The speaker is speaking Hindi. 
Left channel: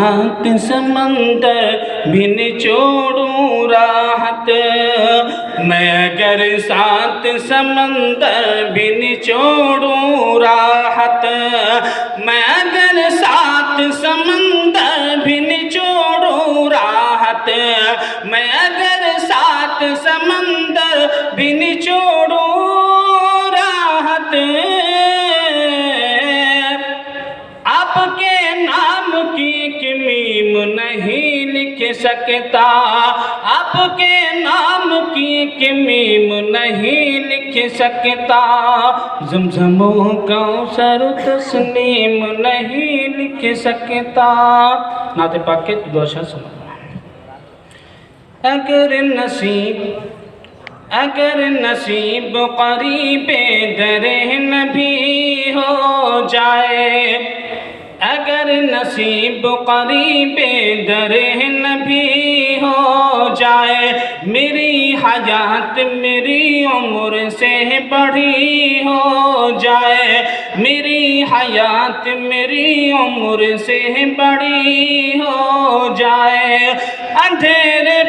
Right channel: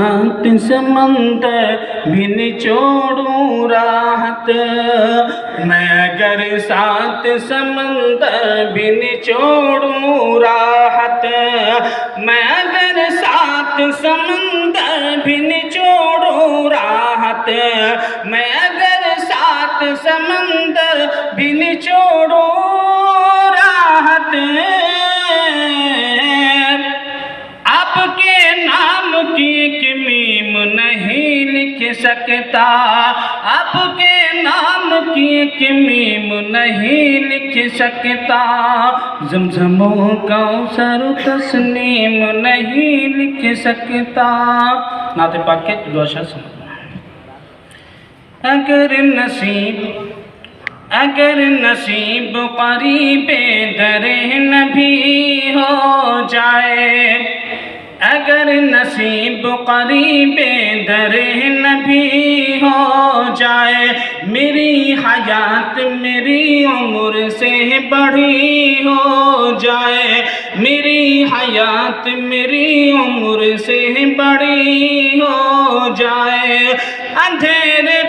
साथ समंदर भी निचोड़ूं राहत, मैं अगर साथ समंदर भी निचोड़ूं राहत, मैं अगर साथ समंदर भी निचोड़ूं राहत, मैं अगर साथ समंदर भी निचोड़ूं राहत, आपके नाम की एक मीम नहीं लिख सकता, आपके नाम की एक मीम नहीं लिख सकता, ज़मज़म कौसर तस्नीम नहीं लिख सकता। नाते पाक के दो शेर सुनो। अगर नसीब करीबे दरे नबी हो जाए, अगर नसीब करीबे दरे नबी हो जाए, मेरी हयात मेरी उम्र से बड़ी हो जाए, मेरी हयात मेरी उम्र से बड़ी हो जाए, अंधेरे